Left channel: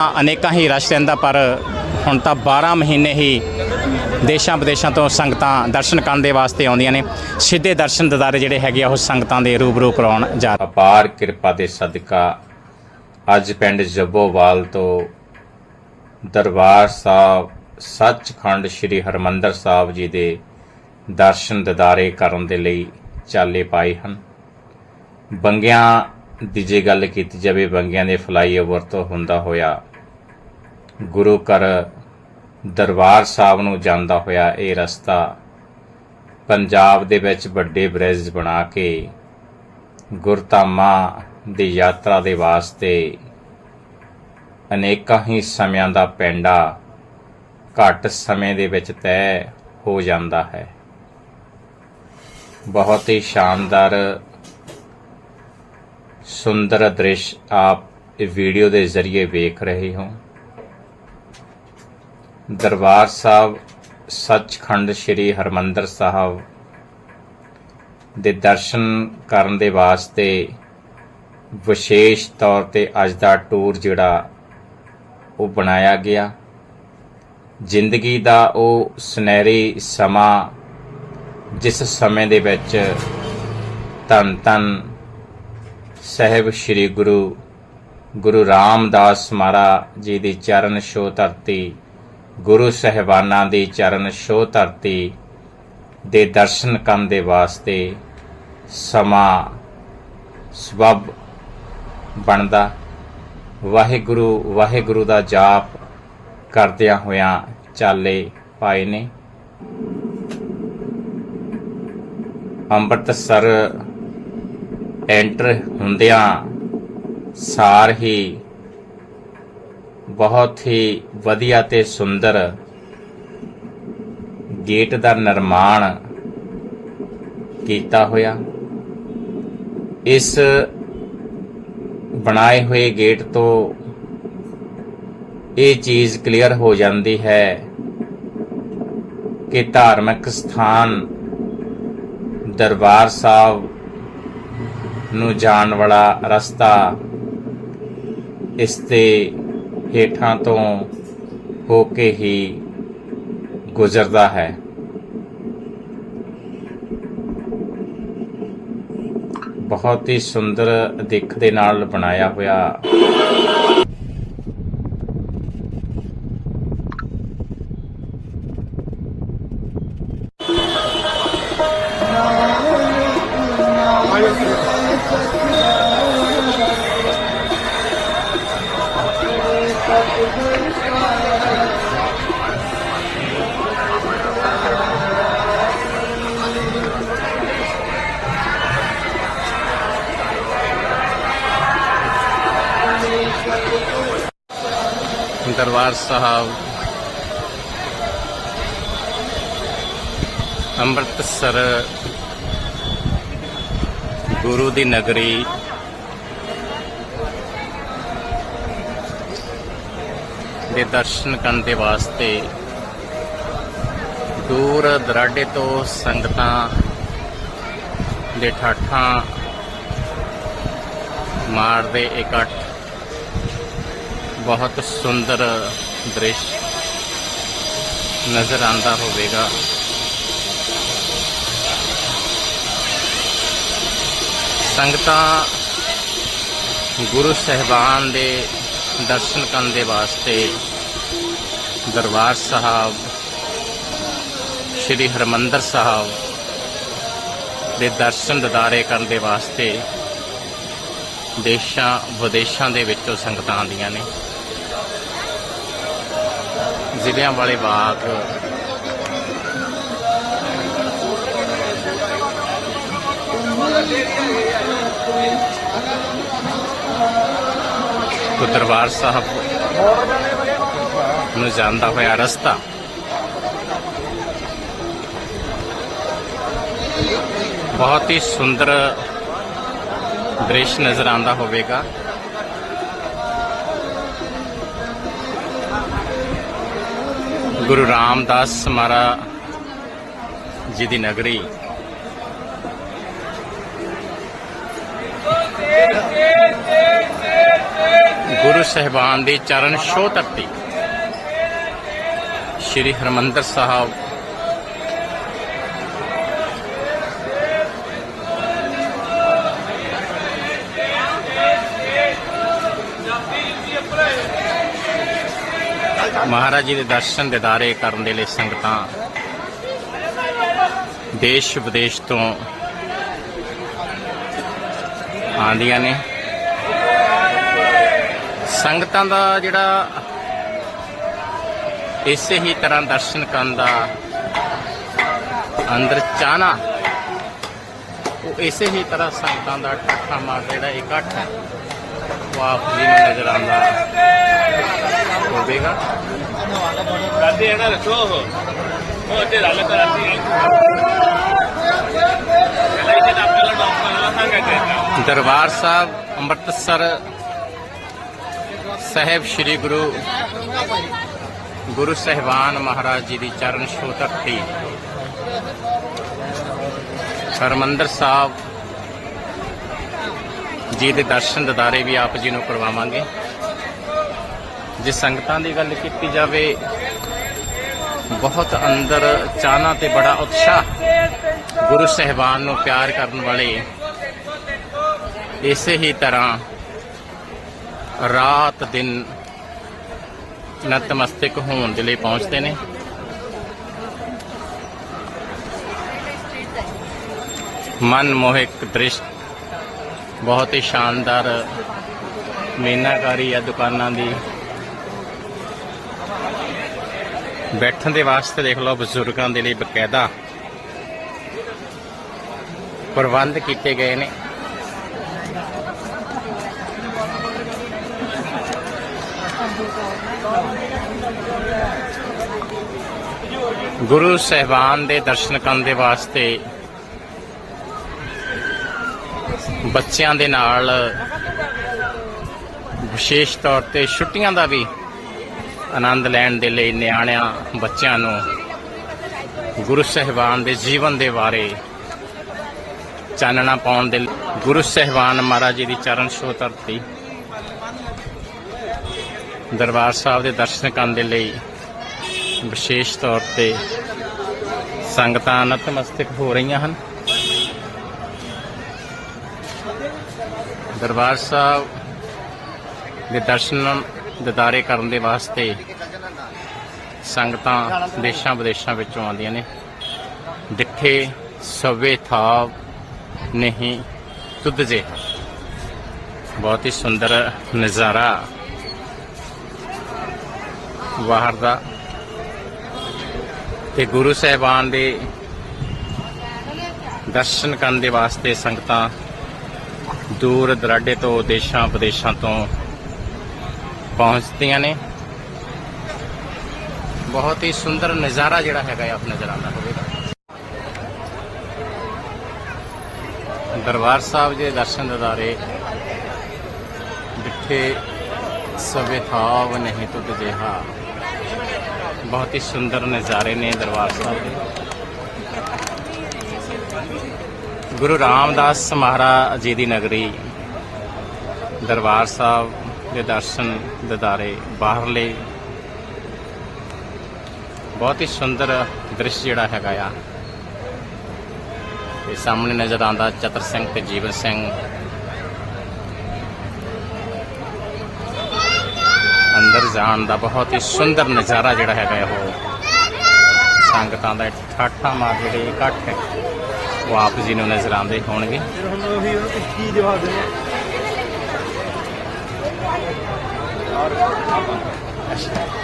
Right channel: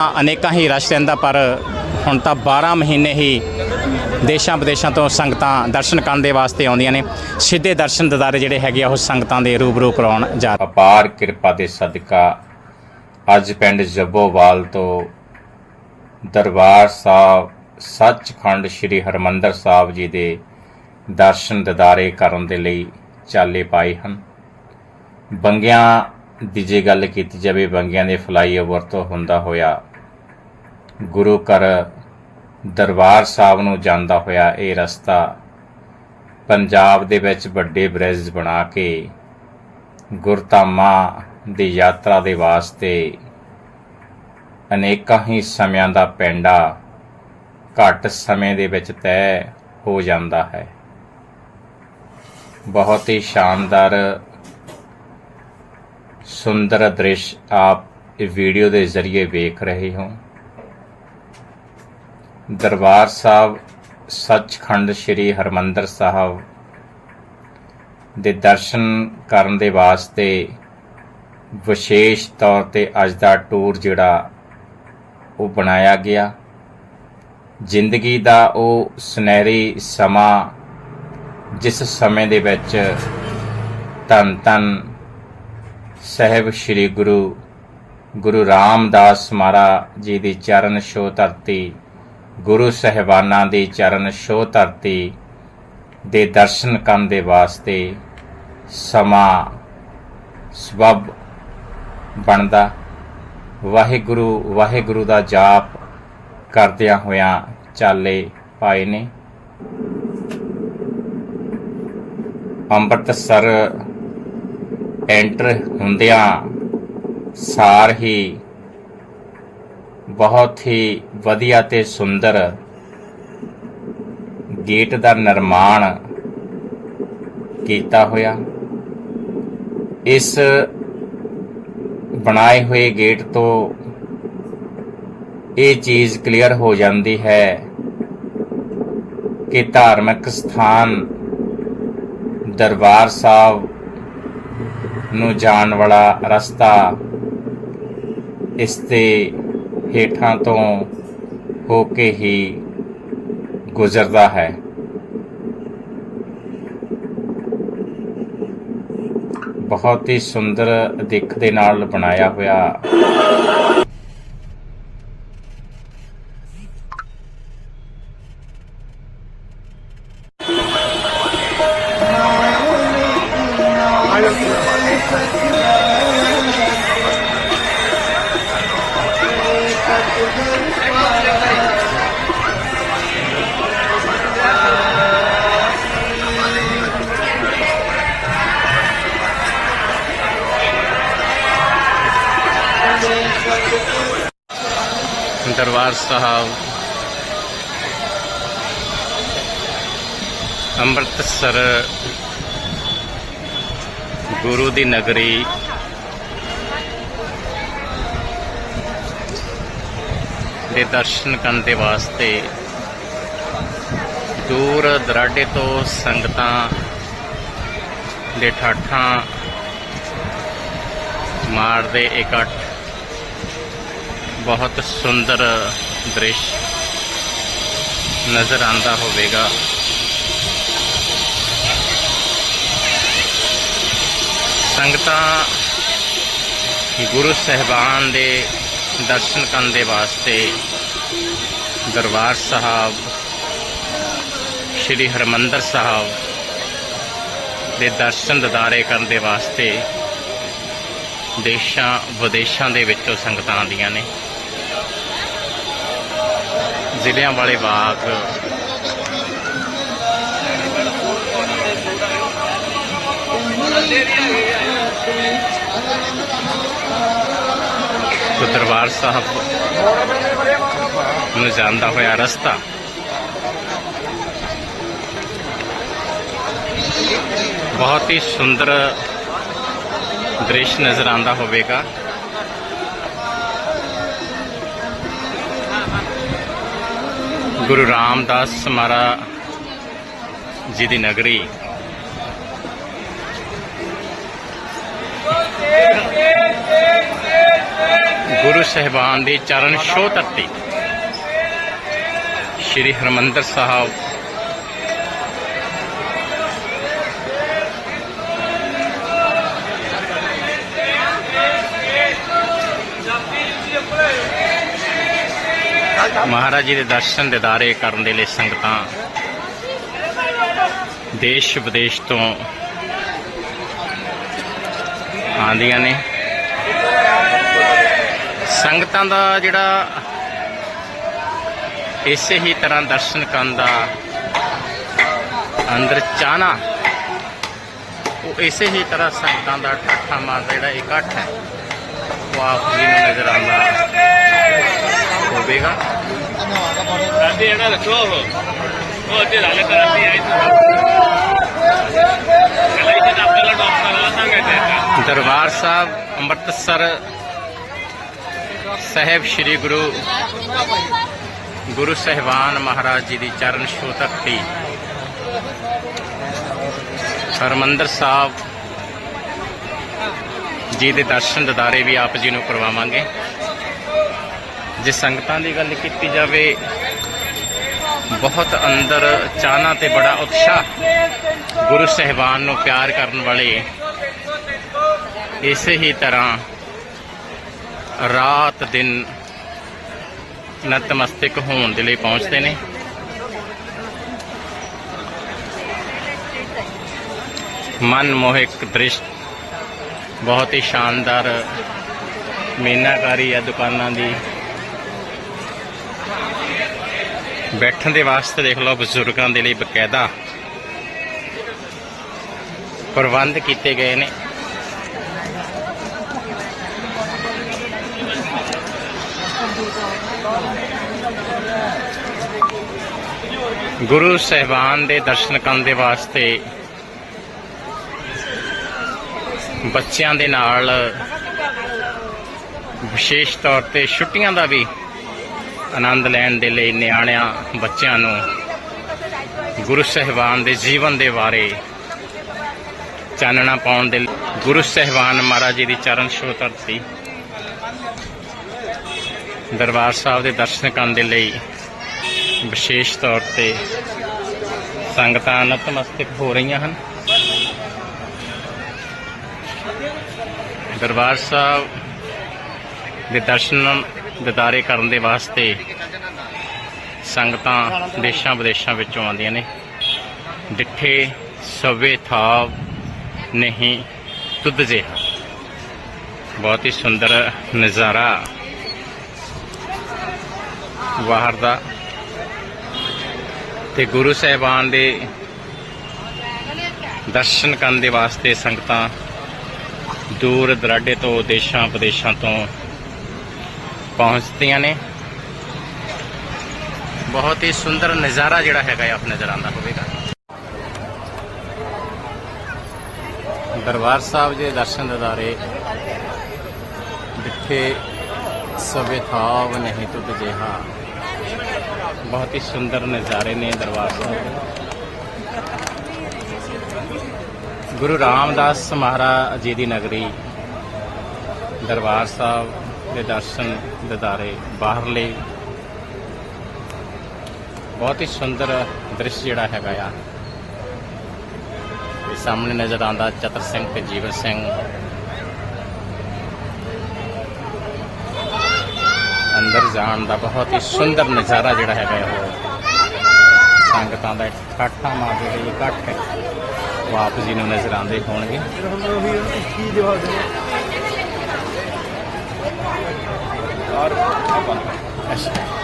ਅਨੇਕਾਂ ਹੀ ਰਸ਼ ਰਹਿੰਦਾ, ਪਰ ਹੁਣ ਤਾਂ 12 ਮਹੀਨੇ ਹੀ ਦੇਸ਼ਾਂ ਵਿਦੇਸ਼ਾਂ ਤੋਂ ਸੰਗਤਾਂ ਦਰਸ਼ਨ ਕਰਨ ਦੇ ਵਾਸਤੇ ਆਉਂਦੀਆਂ ਨੇ। ਸਿੱਧੇ ਦਰਸ਼ਨ ਦਿਦਾਰੇ ਜਿਹੜੇ ਹੈਗੇ ਆ, ਉਹ ਸੰਗਤਾਂ ਦੇ ਰੂਬਰੂ ਕਰਾਉਣ ਜਾ ਰਹੇ। ਅਪਾਰ ਕਿਰਪਾ ਦੇ ਸਦਕਾ ਅੱਜ ਪਿੰਡ ਜੱਬੋਵਾਲ ਤੋਂ ਦਰਬਾਰ ਸਾਹਿਬ, ਸੱਚਖੰਡ ਸ੍ਰੀ ਹਰਮੰਦਰ ਸਾਹਿਬ ਜੀ ਦੇ ਦਰਸ਼ਨ ਦਿਦਾਰੇ ਕਰਨ ਦੇ ਲਈ ਚਾਲੇ ਪਾਏ ਹਨ। ਬੰਗਿਆਂ ਦੀ ਜੇ ਗੱਲ ਕੀਤੀ ਜਾਵੇ, ਬੰਗਿਆਂ ਦੇ ਫਲਾਈਓਵਰ ਤੋਂ ਹੁੰਦਾ ਹੋਇਆ ਗੁਰੂ ਘਰ ਦਰਬਾਰ ਸਾਹਿਬ ਨੂੰ ਜਾਂਦਾ ਹੋਇਆ ਇਹ ਰਸਤਾ ਪੰਜਾਬ ਦੇ ਵਿੱਚ ਵੱਡੇ ਬ੍ਰਿਜ ਬਣਾ ਕੇ ਗੁਰਧਾਮਾਂ ਦੀ ਯਾਤਰਾ ਦੇ ਵਾਸਤੇ ਅਨੇਕਾਂ ਹੀ ਸਮਿਆਂ ਦਾ ਪੈਂਡਾ ਘੱਟ ਸਮੇਂ ਦੇ ਵਿੱਚ ਤੈਅ ਹੋ ਜਾਂਦਾ ਹੈ। ਬਹੁਤ ਹੀ ਸ਼ਾਨਦਾਰ, ਸੁੰਦਰ ਦ੍ਰਿਸ਼ ਆਪ ਵੀਡੀਓ ਦੇ ਜ਼ਰੀਏ ਵੇਖ ਰਹੇ ਹੋ। ਦਰਬਾਰ ਸਾਹਿਬ, ਸੱਚਖੰਡ ਸ੍ਰੀ ਹਰਮੰਦਰ ਸਾਹਿਬ ਦੇ ਦਰਸ਼ਨ ਕਰਨ ਦੇ ਵਾਸਤੇ ਵਿਸ਼ੇਸ਼ ਤੌਰ ਤੇ ਅੱਜ ਦਾ ਟੂਰ ਜਿਹੜਾ ਉਹ ਬਣਾਇਆ ਗਿਆ। ਜ਼ਿੰਦਗੀ ਦਾ ਉਹ ਸੁਨਹਿਰੀ ਸਮਾਂ ਜਿਸ ਸਮੇਂ ਦੇ ਵਿੱਚ ਧੰਨ ਧੰਨ ਸਹਿਬ ਸ੍ਰੀ ਗੁਰੂ ਗੁਰੂ ਰਾਮਦਾਸ ਮਹਾਰਾਜ ਜੀ ਦੀ ਚਰਨ ਛੋਹ ਧਰਤੀ ਗੁਰੂ ਸਹਿਬਾਨਾਂ ਦੀ ਚਰਨ ਛੋਹ ਧਰਤੀ ਦੇ ਦਰਸ਼ਨ ਕਰਨ ਦੇ ਵਾਸਤੇ ਸਮਾਂ ਸਬਬ ਬਣਦਾ। ਵਾਹਿਗੁਰੂ ਵਾਹਿਗੁਰੂ ਦਾ ਜਾਪ ਕਰਦਿਆਂ ਹੋਇਆਂ ਚਾਲੇ ਪਾਏ ਨੇ। ਅੰਮ੍ਰਿਤਸਰ ਐਂਟਰ ਹੁੰਦਿਆਂ ਸਾਰ ਹੀ ਬਹੁਤ ਹੀ ਵਧੀਆ ਤੇ ਸੁੰਦਰ ਗੇਟ ਦਾ ਨਿਰਮਾਣ ਕੀਤਾ ਹੋਇਆ। ਇਸ ਬਣਾਏ ਹੋਏ ਗੇਟ ਤੋਂ ਇਹ ਚੀਜ਼ ਕਲੀਅਰ ਹੋ ਜਾਂਦੀ ਹੈ ਕਿ ਧਾਰਮਿਕ ਸਥਾਨ ਦਰਬਾਰ ਸਾਹਿਬ ਨੂੰ ਜਾਣ ਵਾਲਾ ਰਸਤਾ ਇਸ ਤੇ ਹੇਠਾਂ ਤੋਂ ਹੋ ਕੇ ਹੀ ਗੁਜ਼ਰਦਾ ਹੈ। ਬਹੁਤ ਹੀ ਸੁੰਦਰ ਦਿੱਖ ਦੇ ਨਾਲ ਬਣਾਇਆ ਹੋਇਆ ਦਰਬਾਰ ਸਾਹਿਬ ਅੰਮ੍ਰਿਤਸਰ ਗੁਰੂ ਦੀ ਨਗਰੀ ਦੇ ਦਰਸ਼ਨ ਕਰਨ ਦੇ ਵਾਸਤੇ ਦੂਰ ਦਰਾਡੇ ਤੋਂ ਸੰਗਤਾਂ ਦੇ ਠਾਠਾਂ ਮਾਰਦੇ ਇਕੱਠ। ਬਹੁਤ ਸੁੰਦਰ ਦ੍ਰਿਸ਼ ਨਜ਼ਰ ਆਂਦਾ ਹੋਵੇਗਾ। ਸੰਗਤਾਂ ਗੁਰੂ ਸਹਿਬਾਨ ਦੇ ਦਰਸ਼ਨ ਕਰਨ ਦੇ ਵਾਸਤੇ ਦਰਬਾਰ ਸਾਹਿਬ, ਸ੍ਰੀ ਹਰਮੰਦਰ ਸਾਹਿਬ ਦੇ ਦਰਸ਼ਨ ਦਿਦਾਰੇ ਕਰਨ ਦੇ ਵਾਸਤੇ ਦੇਸ਼ਾਂ ਵਿਦੇਸ਼ਾਂ ਦੇ ਵਿੱਚੋਂ ਸੰਗਤਾਂ ਆਉਂਦੀਆਂ ਨੇ। ਜ਼ਿਲ੍ਹਿਆਂ ਵਾਲੇ ਬਾਗ ਤੋਂ ਦਰਬਾਰ ਸਾਹਿਬ ਨੂੰ ਜਾਂਦਾ ਹੋਇਆ ਰਸਤਾ। ਬਹੁਤ ਹੀ ਸੁੰਦਰ ਦ੍ਰਿਸ਼ ਨਜ਼ਰ ਆਉਂਦਾ ਹੋਵੇਗਾ। ਗੁਰੂ ਰਾਮਦਾਸ ਮਹਾਰਾਜ ਜੀ ਦੀ ਨਗਰੀ। ਗੁਰੂ ਸਹਿਬਾਨ ਦੀ ਚਰਨ ਛੋਹ ਧਰਤੀ ਸ਼੍ਰੀ ਹਰਮੰਦਰ ਸਾਹਿਬ। ਮਹਾਰਾਜ ਜੀ ਦੇ ਦਰਸ਼ਨ ਦਿਦਾਰੇ ਕਰਨ ਦੇ ਲਈ ਸੰਗਤਾਂ ਦੇਸ਼ ਵਿਦੇਸ਼ ਤੋਂ ਆਉਂਦੀਆਂ ਨੇ। ਸੰਗਤਾਂ ਦਾ ਜਿਹੜਾ ਇਸੇ ਹੀ ਤਰ੍ਹਾਂ ਦਰਸ਼ਨ ਕਰਨ ਦਾ ਅੰਦਰ ਚਾਹਨਾ ਉਹ ਇਸੇ ਹੀ ਤਰ੍ਹਾਂ ਸੰਗਤਾਂ ਦਾ ਠਾਠਾ ਮਾਰਦਾ ਜਿਹੜਾ ਇਕੱਠ ਹੈ ਉਹ ਆਪ ਜੀ ਨੂੰ ਨਜ਼ਰ ਆਉਂਦਾ ਹੋਵੇਗਾ। ਦਰਬਾਰ ਸਾਹਿਬ ਅੰਮ੍ਰਿਤਸਰ ਸਾਹਿਬ ਸ੍ਰੀ ਗੁਰੂ ਗੁਰੂ ਸਹਿਬਾਨ ਮਹਾਰਾਜ ਜੀ ਦੀ ਚਰਨ ਛੋਹ ਧਰਤੀ ਹਰਮੰਦਰ ਸਾਹਿਬ ਜੀ ਦੇ ਦਰਸ਼ਨ ਦਿਦਾਰੇ ਵੀ ਆਪ ਜੀ ਨੂੰ ਕਰਵਾਵਾਂਗੇ। ਜੇ ਸੰਗਤਾਂ ਦੀ ਗੱਲ ਕੀਤੀ ਜਾਵੇ, ਬਹੁਤ ਅੰਦਰ ਚਾਹਨਾ ਤੇ ਬੜਾ ਉਤਸ਼ਾਹ ਗੁਰੂ ਸਹਿਬਾਨ ਨੂੰ ਪਿਆਰ ਕਰਨ ਵਾਲੇ ਇਸੇ ਹੀ ਤਰ੍ਹਾਂ ਰਾਤ ਦਿਨ ਨਤਮਸਤਕ ਹੋਣ ਦੇ ਲਈ ਪਹੁੰਚਦੇ ਨੇ। ਮਨ ਮੋਹਿਕ ਦ੍ਰਿਸ਼ ਬਹੁਤ ਹੀ ਸ਼ਾਨਦਾਰ ਮੀਨਾਕਾਰੀ ਆ ਦੁਕਾਨਾਂ ਦੀ। ਬੈਠਣ ਦੇ ਵਾਸਤੇ ਦੇਖ ਲਓ ਬਜ਼ੁਰਗਾਂ ਦੇ ਲਈ ਬਕਾਇਦਾ ਪ੍ਰਬੰਧ ਕੀਤੇ ਗਏ ਨੇ। ਗੁਰੂ ਸਹਿਬਾਨ ਦੇ ਦਰਸ਼ਨ ਕਰਨ ਦੇ ਵਾਸਤੇ ਬੱਚਿਆਂ ਦੇ ਨਾਲ ਵਿਸ਼ੇਸ਼ ਤੌਰ ਤੇ ਛੁੱਟੀਆਂ ਦਾ ਵੀ ਆਨੰਦ ਲੈਣ ਦੇ ਲਈ ਨਿਆਣਿਆਂ ਬੱਚਿਆਂ ਨੂੰ ਗੁਰੂ ਸਹਿਬਾਨ ਦੇ ਜੀਵਨ ਦੇ ਬਾਰੇ ਚਾਨਣਾ ਪਾਉਣ ਦੇ ਲਈ ਗੁਰੂ ਸਹਿਬਾਨ ਮਹਾਰਾਜ ਜੀ ਦੀ ਚਰਨ ਛੋਹ ਧਰਤੀ ਦਰਬਾਰ ਸਾਹਿਬ ਦੇ ਦਰਸ਼ਨ ਕਰਨ ਦੇ ਲਈ ਵਿਸ਼ੇਸ਼ ਤੌਰ ਤੇ ਸੰਗਤਾਂ ਨਤਮਸਤਕ ਹੋ ਰਹੀਆਂ ਹਨ। ਦਰਬਾਰ ਸਾਹਿਬ ਦੇ ਦਰਸ਼ਨ ਦਿਦਾਰੇ ਕਰਨ ਦੇ ਵਾਸਤੇ ਸੰਗਤਾਂ ਦੇਸ਼ਾਂ ਵਿਦੇਸ਼ਾਂ ਵਿੱਚੋਂ ਆਉਂਦੀਆਂ ਨੇ। ਡਿੱਠੇ ਸਵੇ ਥਾਵ ਨਹੀਂ ਤੁਧ ਜਿਹਾ ਬਹੁਤ ਹੀ ਸੁੰਦਰ ਨਜ਼ਾਰਾ। ਬਾਹਰ ਦਾ ਤੇ ਗੁਰੂ ਸਾਹਿਬਾਨ ਦੇ ਦਰਸ਼ਨ ਕਰਨ ਦੇ ਵਾਸਤੇ ਸੰਗਤਾਂ ਦੂਰ ਦਰਾਡੇ ਤੋਂ ਦੇਸ਼ਾਂ ਵਿਦੇਸ਼ਾਂ ਤੋਂ ਪਹੁੰਚਦੀਆਂ ਨੇ। ਬਹੁਤ ਹੀ ਸੁੰਦਰ ਨਜ਼ਾਰਾ ਜਿਹੜਾ ਹੈਗਾ ਆਪ ਨਜ਼ਰ ਆਉਂਦਾ ਹੋਵੇਗਾ। ਦਰਬਾਰ ਸਾਹਿਬ ਦੇ ਦਰਸ਼ਨ ਦਿਦਾਰੇ ਜਿੱਥੇ ਸਵੇ ਥਾਵ ਨਹੀਂ ਤੁਧ ਜਿਹਾ ਬਹੁਤ ਹੀ ਸੁੰਦਰ ਨਜ਼ਾਰੇ ਨੇ ਦਰਬਾਰ ਸਾਹਿਬ ਦੇ ਗੁਰੂ ਰਾਮਦਾਸ ਮਹਾਰਾਜ ਜੀ ਦੀ ਨਗਰੀ ਦਰਬਾਰ ਸਾਹਿਬ ਦੇ ਦਰਸ਼ਨ ਦਿਦਾਰੇ ਬਾਹਰਲੇ ਬਹੁਤ ਹੀ ਸੁੰਦਰ ਦ੍ਰਿਸ਼ ਜਿਹੜਾ ਹੈਗਾ ਆ ਤੇ ਸਾਹਮਣੇ ਨਜ਼ਰ ਆਉਂਦਾ ਚਤਰ ਸਿੰਘ ਤੇ ਜੀਵਨ ਸਿੰਘ ਅੰਦਰ ਜਾਣ ਦਾ ਬਹੁਤ ਹੀ ਸੁੰਦਰ ਨਜ਼ਾਰਾ ਜਿਹੜਾ ਹੈਗਾ ਉਹ ਸੰਗਤਾਂ ਦਾ ਇਕੱਠਾ ਮਾ ਜਿਹੜੇ ਇਕੱਠ ਉਹ ਆਪ ਜੀ ਨੂੰ ਨਜ਼ਰ ਆਉਂਦੇ ਹੋਣਗੇ। ਅੱਛਾ।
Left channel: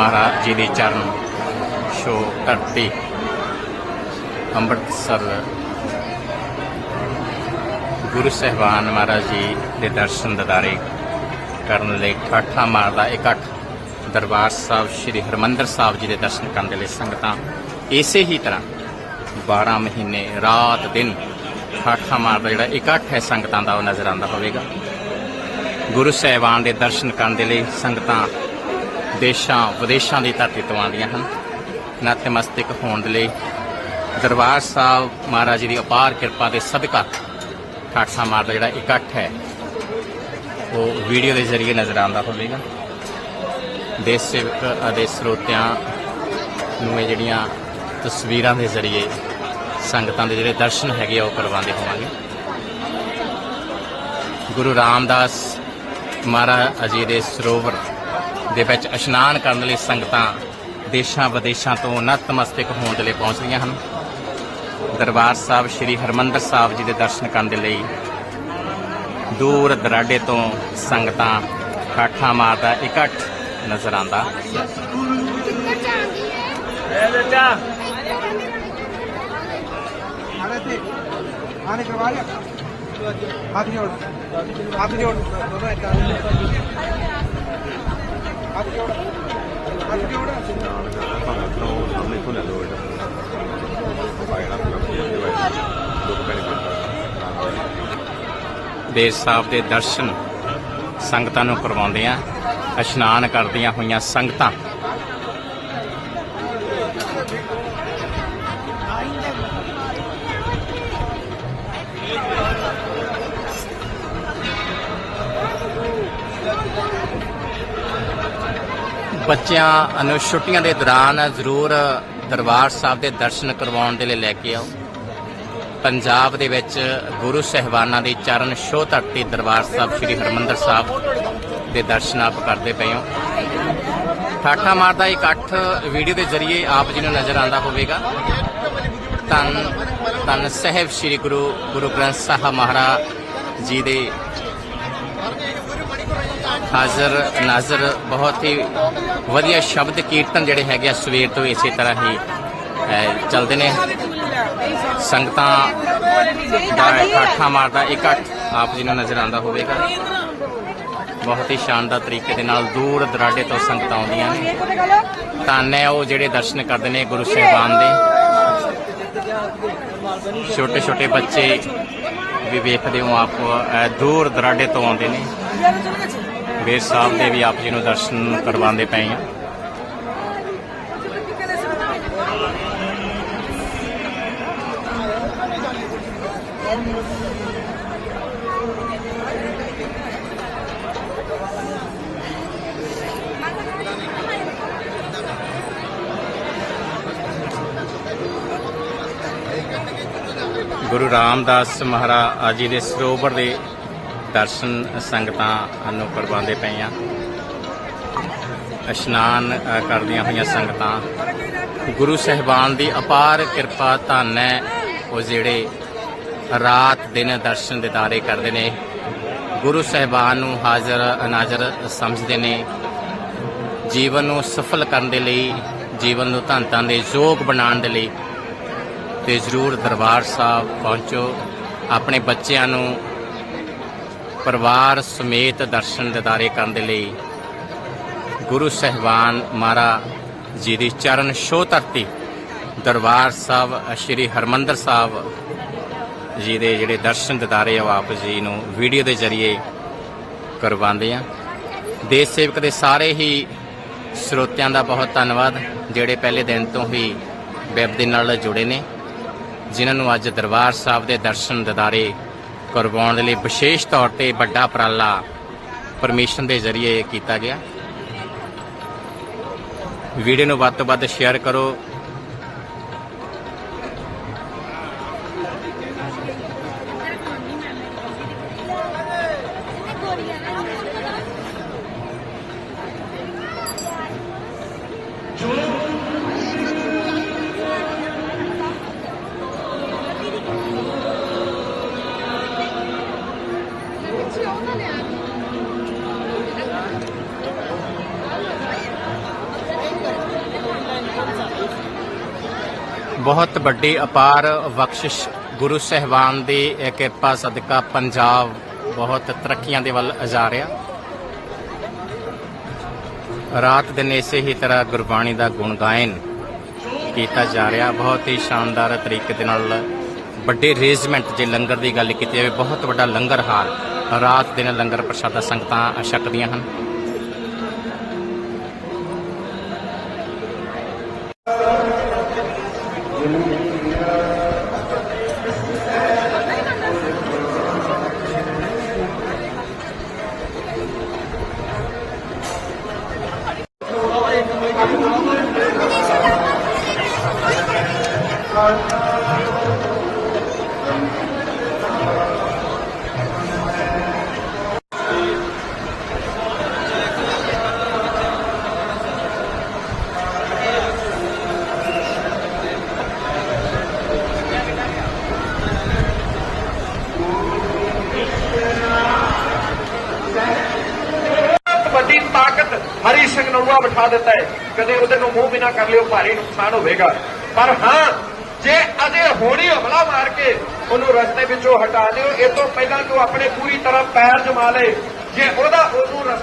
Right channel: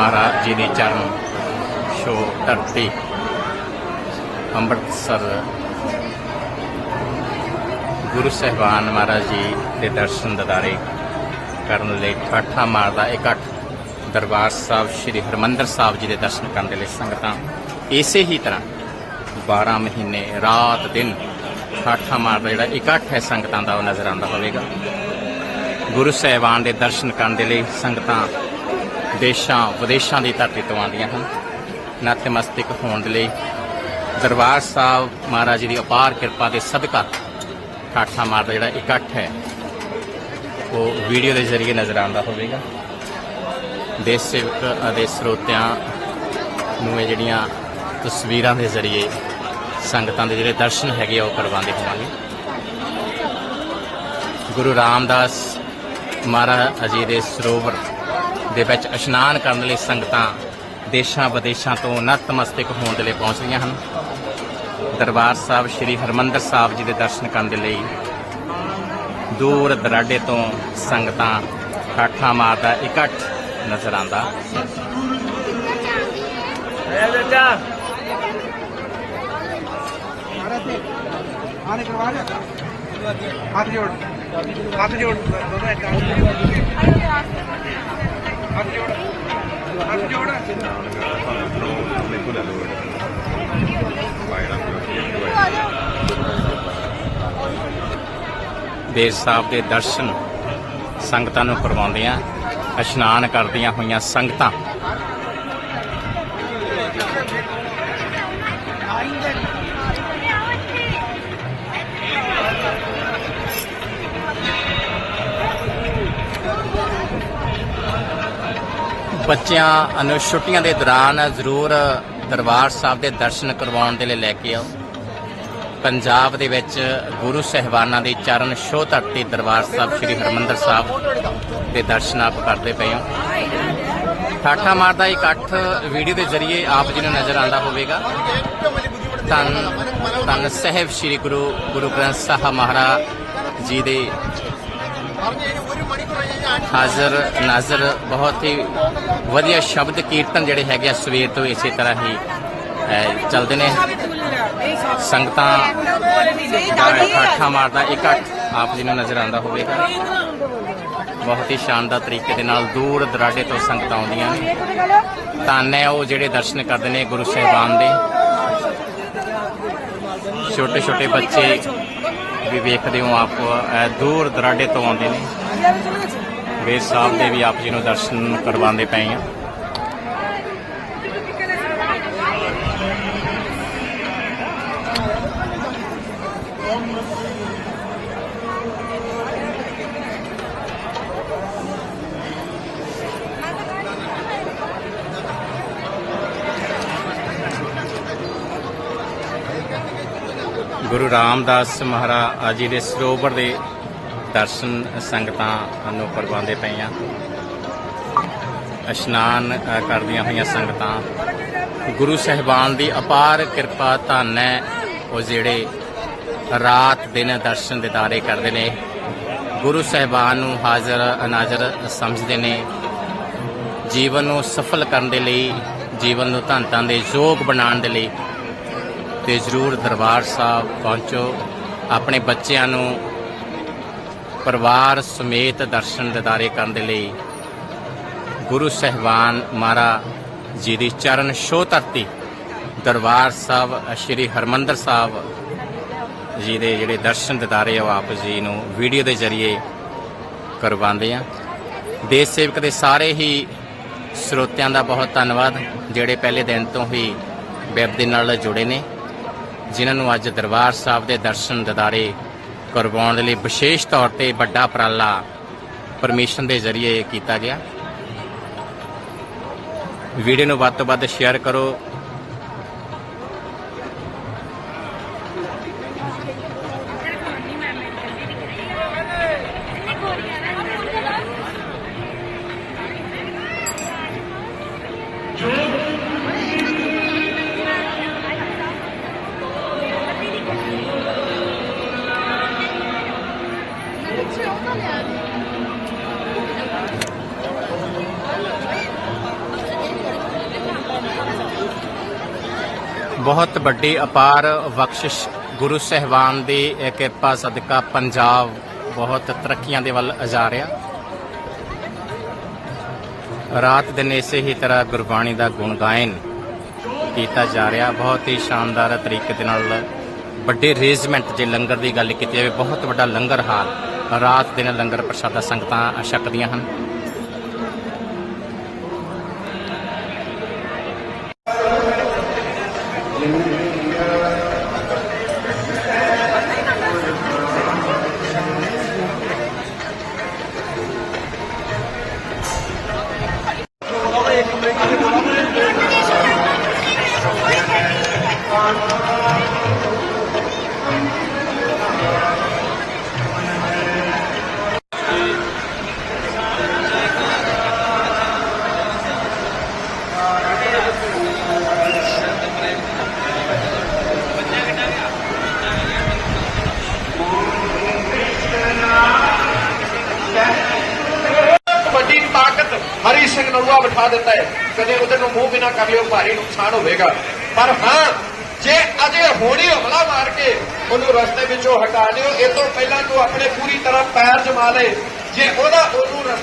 ਮਹਾਰਾਜ ਜੀ ਦੇ ਚਰਨ ਸ਼ੋ ਧਰਤੀ ਅੰਮ੍ਰਿਤਸਰ। ਗੁਰੂ ਸਹਿਬਾਨ ਮਹਾਰਾਜ ਜੀ ਦੇ ਦਰਸ਼ਨ ਦਿਦਾਰੇ ਕਰਨ ਲਈ ਠਾਠਾ ਮਾਰਦਾ ਇਕੱਠ ਦਰਬਾਰ ਸਾਹਿਬ ਸ੍ਰੀ ਹਰਮੰਦਰ ਸਾਹਿਬ ਜੀ ਦੇ ਦਰਸ਼ਨ ਕਰਨ ਦੇ ਲਈ ਸੰਗਤਾਂ ਇਸੇ ਹੀ ਤਰ੍ਹਾਂ 12 ਮਹੀਨੇ ਰਾਤ ਦਿਨ ਠਾਠਾ ਮਾਰਦਾ ਜਿਹੜਾ ਇਕੱਠ ਹੈ ਸੰਗਤਾਂ ਦਾ ਉਹ ਨਜ਼ਰ ਆਉਂਦਾ ਹੋਵੇਗਾ। ਗੁਰੂ ਸਹਿਬਾਨ ਦੇ ਦਰਸ਼ਨ ਕਰਨ ਦੇ ਲਈ ਸੰਗਤਾਂ ਦੇਸ਼ਾਂ, ਵਿਦੇਸ਼ਾਂ ਦੀ ਧਰਤੀ ਤੋਂ ਆਉਂਦੀਆਂ ਹਨ। ਨਤਮਸਤਕ ਹੋਣ ਦੇ ਲਈ ਦਰਬਾਰ ਸਾਹਿਬ ਮਹਾਰਾਜ ਜੀ ਦੀ ਅਪਾਰ ਕਿਰਪਾ ਦੇ ਸਦਕਾ ਠਾਠਾ ਮਾਰਦਾ ਜਿਹੜਾ ਇਕੱਠ ਹੈ, ਉਹ ਵੀਡੀਓ ਦੇ ਜ਼ਰੀਏ ਨਜ਼ਰ ਆਉਂਦਾ ਹੋਵੇਗਾ। ਦੇਸ਼ ਸੇਵਕ ਅਤੇ ਸਰੋਤਿਆਂ ਨੂੰ ਇਹ ਜਿਹੜੀਆਂ ਤਸਵੀਰਾਂ ਦੇ ਜ਼ਰੀਏ, ਸੰਗਤਾਂ ਦੇ ਜਿਹੜੇ ਦਰਸ਼ਨ ਹੈਗੇ ਆ, ਉਹ ਕਰਵਾਉਂਦੇ ਹੋਵਾਂਗੇ। ਗੁਰੂ ਰਾਮਦਾਸ ਮਹਾਰਾਜ ਜੀ ਦੇ ਸਰੋਵਰ ਦੇ ਵਿੱਚ ਇਸ਼ਨਾਨ ਕਰਨ ਲਈ ਸੰਗਤਾਂ ਦੇਸ਼ਾਂ ਵਿਦੇਸ਼ਾਂ ਤੋਂ ਨਤਮਸਤਕ ਹੋਣ ਦੇ ਲਈ ਪਹੁੰਚ ਰਹੀਆਂ ਹਨ ਦਰਬਾਰ ਸਾਹਿਬ ਸ੍ਰੀ ਹਰਮੰਦਰ ਸਾਹਿਬ ਜੀ ਦੇ ਦਰਸ਼ਨ ਕਰਨ ਦੇ ਲਈ ਦੂਰ ਦਰਾਡੇ ਤੋਂ ਸੰਗਤਾਂ ਕਾਠਾ ਮਾਤਾ ਇਕੱਠ ਨਜ਼ਰ ਆਂਦਾ ਹੱਥ ਜੋੜ ਹੱਥ ਜੋੜ ਦੇਸ਼ ਸਾਹਿਬ ਦੇ ਦਰਸ਼ਨ ਸੰਗਤਾਂ ਨੂੰ ਕਰਵਾਉਂਦੇ ਆ ਇਸ਼ਨਾਨ ਕਰਦੀਆਂ ਹੋਈਆਂ ਸੰਗਤਾਂ। ਬੱਚਿਆਂ ਨੂੰ ਛੁੱਟੀਆਂ ਦੇ ਦੌਰਾਨ ਜ਼ਰੂਰ ਦਰਬਾਰ ਸਾਹਿਬ ਦੇ ਦਰਸ਼ਨ ਕਰਵਾਉਣ ਦੇ ਲਈ ਲੈ ਕੇ ਆਓ। ਪੰਜਾਬ ਦੇ ਵਿੱਚ ਗੁਰੂ ਸਹਿਬਾਨਾਂ ਦੇ ਚਰਨ ਛੋਹ ਧਰਤੀ ਦਰਬਾਰ ਸਾਹਿਬ ਸ੍ਰੀ ਹਰਮੰਦਰ ਸਾਹਿਬ ਦੇ ਦਰਸ਼ਨ ਆਪ ਕਰਦੇ ਪਏ ਹੋ। ਠਾਠਾ ਮਾਰਦਾ ਇਕੱਠ ਵੀਡੀਓ ਦੇ ਜ਼ਰੀਏ ਆਪ ਜੀ ਨੂੰ ਨਜ਼ਰ ਆਉਂਦਾ ਹੋਵੇਗਾ। ਤਨ ਤਨ ਸਾਹਿਬ ਸ੍ਰੀ ਗੁਰੂ ਗੁਰੂ ਗ੍ਰੰਥ ਸਾਹਿਬ ਮਹਾਰਾਜ ਜੀ ਦੇ ਹਾਜ਼ਰ ਨਾਜ਼ਰ ਬਹੁਤ ਹੀ ਵਧੀਆ ਸ਼ਬਦ ਕੀਰਤਨ ਜਿਹੜੇ ਹੈਗੇ ਆ ਸਵੇਰ ਤੋਂ ਇਸੇ ਤਰ੍ਹਾਂ ਹੀ ਚੱਲਦੇ ਨੇ। ਸੰਗਤਾਂ ਦਾ ਠਾਠਾ ਮਾਰਦਾ ਇਕੱਠ ਆਪ ਜੀ ਨੂੰ ਨਜ਼ਰ ਆਉਂਦਾ ਹੋਵੇਗਾ। ਬਹੁਤ ਹੀ ਸ਼ਾਨਦਾਰ ਤਰੀਕੇ ਦੇ ਨਾਲ ਦੂਰ ਦਰਾਡੇ ਤੋਂ ਸੰਗਤਾਂ ਆਉਂਦੀਆਂ ਨੇ। ਧੰਨ ਉਹ ਜਿਹੜੇ ਦਰਸ਼ਨ ਕਰਦੇ ਨੇ ਗੁਰੂ ਸਾਹਿਬਾਨ ਦੇ। ਛੋਟੇ ਛੋਟੇ ਬੱਚੇ ਵੀ ਵੇਖਦੇ ਹੋ ਆਪ ਦੂਰ ਦਰਾਡੇ ਤੋਂ ਆਉਂਦੇ ਨੇ। ਵੇਦ ਸਾਹਿਬ ਦੇ ਵੀ ਆਪ ਜੀ ਨੂੰ ਦਰਸ਼ਨ ਕਰਵਾਉਂਦੇ ਪਏ ਆ ਗੁਰੂ ਰਾਮਦਾਸ ਮਹਾਰਾਜ ਜੀ ਦੇ ਸਰੋਵਰ ਦੇ ਦਰਸ਼ਨ ਸੰਗਤਾਂ ਨੂੰ ਕਰਵਾਉਂਦੇ ਪਏ ਆ। ਇਸ਼ਨਾਨ ਕਰਦੀਆਂ ਹੋਈਆਂ ਸੰਗਤਾਂ। ਗੁਰੂ ਸਹਿਬਾਨ ਦੀ ਅਪਾਰ ਕਿਰਪਾ ਧੰਨ ਹੈ। ਉਹ ਜਿਹੜੇ ਰਾਤ ਦਿਨ ਦਰਸ਼ਨ ਦਿਦਾਰੇ ਕਰਦੇ ਨੇ, ਗੁਰੂ ਸਹਿਬਾਨ ਨੂੰ ਹਾਜ਼ਰ, ਅਨਾਜ਼ਰ ਸਮਝਦੇ ਨੇ। ਜੀਵਨ ਨੂੰ ਸਫਲ ਕਰਨ ਦੇ ਲਈ, ਜੀਵਨ ਨੂੰ ਧੰਨ ਦੇ ਯੋਗ ਬਣਾਉਣ ਦੇ ਲਈ ਤੇ ਜ਼ਰੂਰ ਦਰਬਾਰ ਸਾਹਿਬ ਪਹੁੰਚੋ। ਆਪਣੇ ਬੱਚਿਆਂ ਨੂੰ ਪਰਿਵਾਰ ਸਮੇਤ ਦਰਸ਼ਨ ਦਿਦਾਰੇ ਕਰਨ ਦੇ ਲਈ ਗੁਰੂ ਸਹਿਬਾਨ ਮਹਾਰਾਜ ਜੀ ਦੀ ਚਰਨ ਛੋਹ ਧਰਤੀ, ਦਰਬਾਰ ਸਾਹਿਬ ਸ੍ਰੀ ਹਰਮੰਦਰ ਸਾਹਿਬ ਜੀ ਦੇ ਜਿਹੜੇ ਦਰਸ਼ਨ ਦਿਦਾਰੇ ਆ, ਉਹ ਆਪ ਜੀ ਨੂੰ ਵੀਡੀਓ ਦੇ ਜ਼ਰੀਏ ਕਰਵਾਉਂਦੇ ਆ। ਦੇਸ਼ ਸੇਵਕ ਦੇ ਸਾਰੇ ਹੀ ਸਰੋਤਿਆਂ ਦਾ ਬਹੁਤ ਧੰਨਵਾਦ, ਜਿਹੜੇ ਪਹਿਲੇ ਦਿਨ ਤੋਂ ਹੀ ਵੈਬ ਦੇ ਨਾਲ ਜੁੜੇ ਨੇ, ਜਿਨ੍ਹਾਂ ਨੂੰ ਅੱਜ ਦਰਬਾਰ ਸਾਹਿਬ ਦੇ ਦਰਸ਼ਨ ਦਿਦਾਰੇ ਕਰਵਾਉਣ ਦੇ ਲਈ ਵਿਸ਼ੇਸ਼ ਤੌਰ ਤੇ ਵੱਡਾ ਉਪਰਾਲਾ ਪਰਮਿਸ਼ਨ ਦੇ ਜ਼ਰੀਏ ਕੀਤਾ ਗਿਆ। ਵੀਡੀਓ ਨੂੰ ਵੱਧ ਤੋਂ ਵੱਧ ਸ਼ੇਅਰ ਕਰੋ। ਬਹੁਤ ਵੱਡੀ ਅਪਾਰ ਬਖਸ਼ਿਸ਼ ਗੁਰੂ ਸਹਿਬਾਨ ਦੀ ਕਿਰਪਾ ਸਦਕਾ ਪੰਜਾਬ ਬਹੁਤ ਤਰੱਕੀਆਂ ਦੇ ਵੱਲ ਜਾ ਰਿਹਾ। ਰਾਤ ਦਿਨ ਇਸੇ ਹੀ ਤਰ੍ਹਾਂ ਗੁਰਬਾਣੀ ਦਾ ਗੁਣ ਗਾਇਨ ਕੀਤਾ ਜਾ ਰਿਹਾ। ਬਹੁਤ ਹੀ ਸ਼ਾਨਦਾਰ ਤਰੀਕੇ ਦੇ ਨਾਲ ਵੱਡੇ ਅਰੇਂਜਮੈਂਟ ਜੇ ਲੰਗਰ ਦੀ ਗੱਲ ਕੀਤੀ ਜਾਵੇ, ਬਹੁਤ ਵੱਡਾ ਲੰਗਰ ਹਾਲ। ਰਾਤ ਦਿਨ ਲੰਗਰ ਪ੍ਰਸ਼ਾਦਾ ਸੰਗਤਾਂ ਛਕਦੀਆਂ ਹਨ। ਤਾਕਤ ਹਰੀ ਸਿੰਘ ਨਰੂਆ ਬਿਠਾ ਦਿੱਤਾ ਹੈ। ਕਦੇ ਉਹਦੇ ਨੂੰ ਮੂੰਹ ਬਿਨਾ ਕਰ ਲਿਓ, ਭਾਰੀ ਨੁਕਸਾਨ ਹੋਵੇਗਾ। ਪਰ ਹਾਂ, ਜੇ ਅਜੇ ਹੋਣੀ ਹਮਲਾ ਮਾਰ ਕੇ ਉਹਨੂੰ ਰਸਤੇ ਵਿੱਚੋਂ ਹਟਾ ਦਿਓ ਇਹ ਤੋਂ ਪਹਿਲਾਂ ਤੂੰ ਆਪਣੇ ਪੂਰੀ ਤਰ੍ਹਾਂ ਪੈਰ ਜਮਾ ਲੈ। ਜੇ ਉਹਦਾ ਉਹਨੂੰ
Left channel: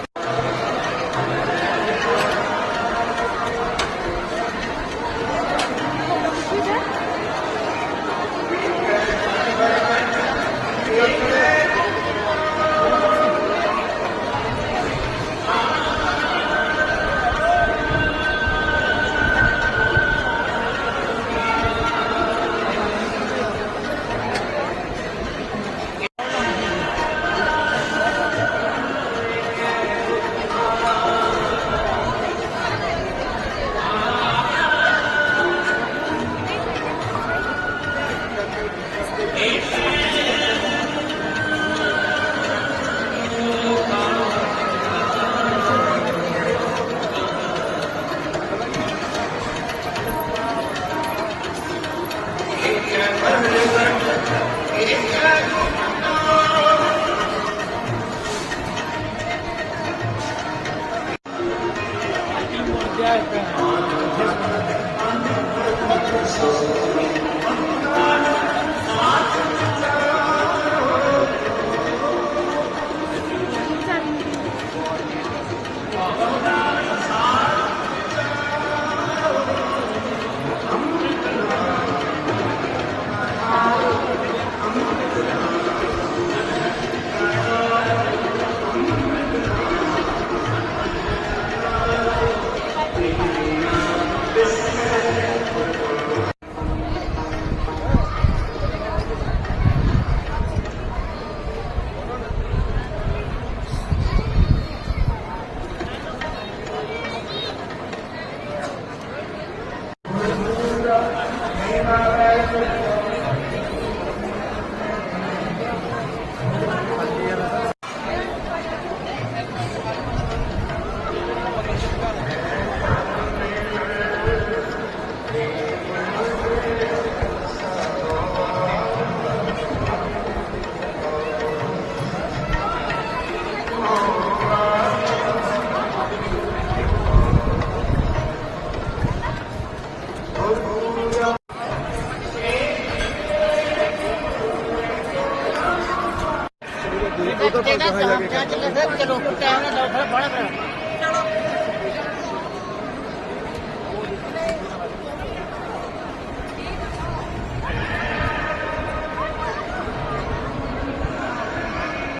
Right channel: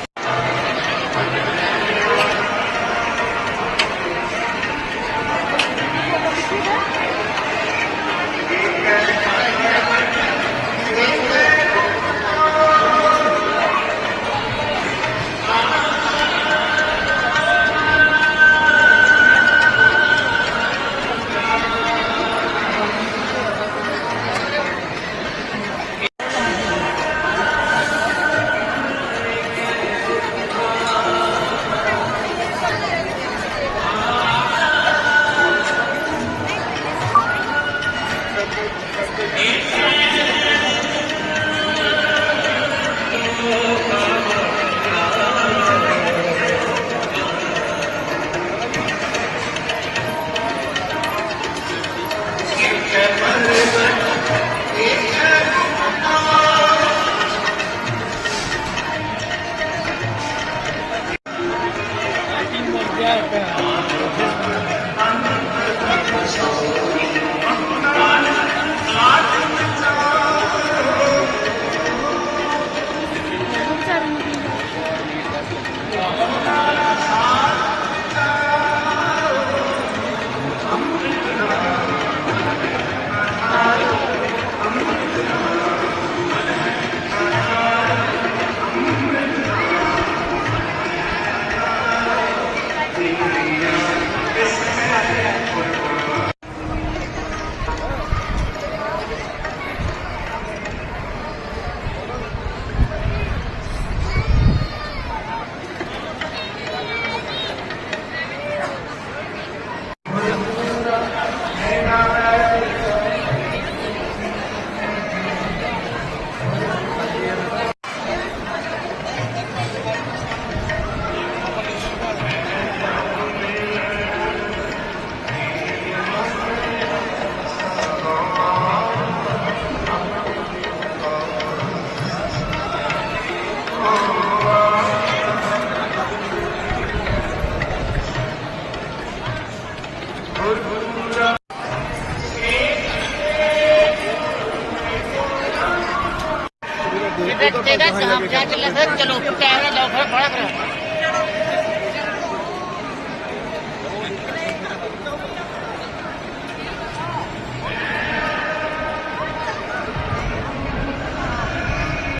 ਰਸਤੇ ਇਹਦੇ ਤੇ ਦੇ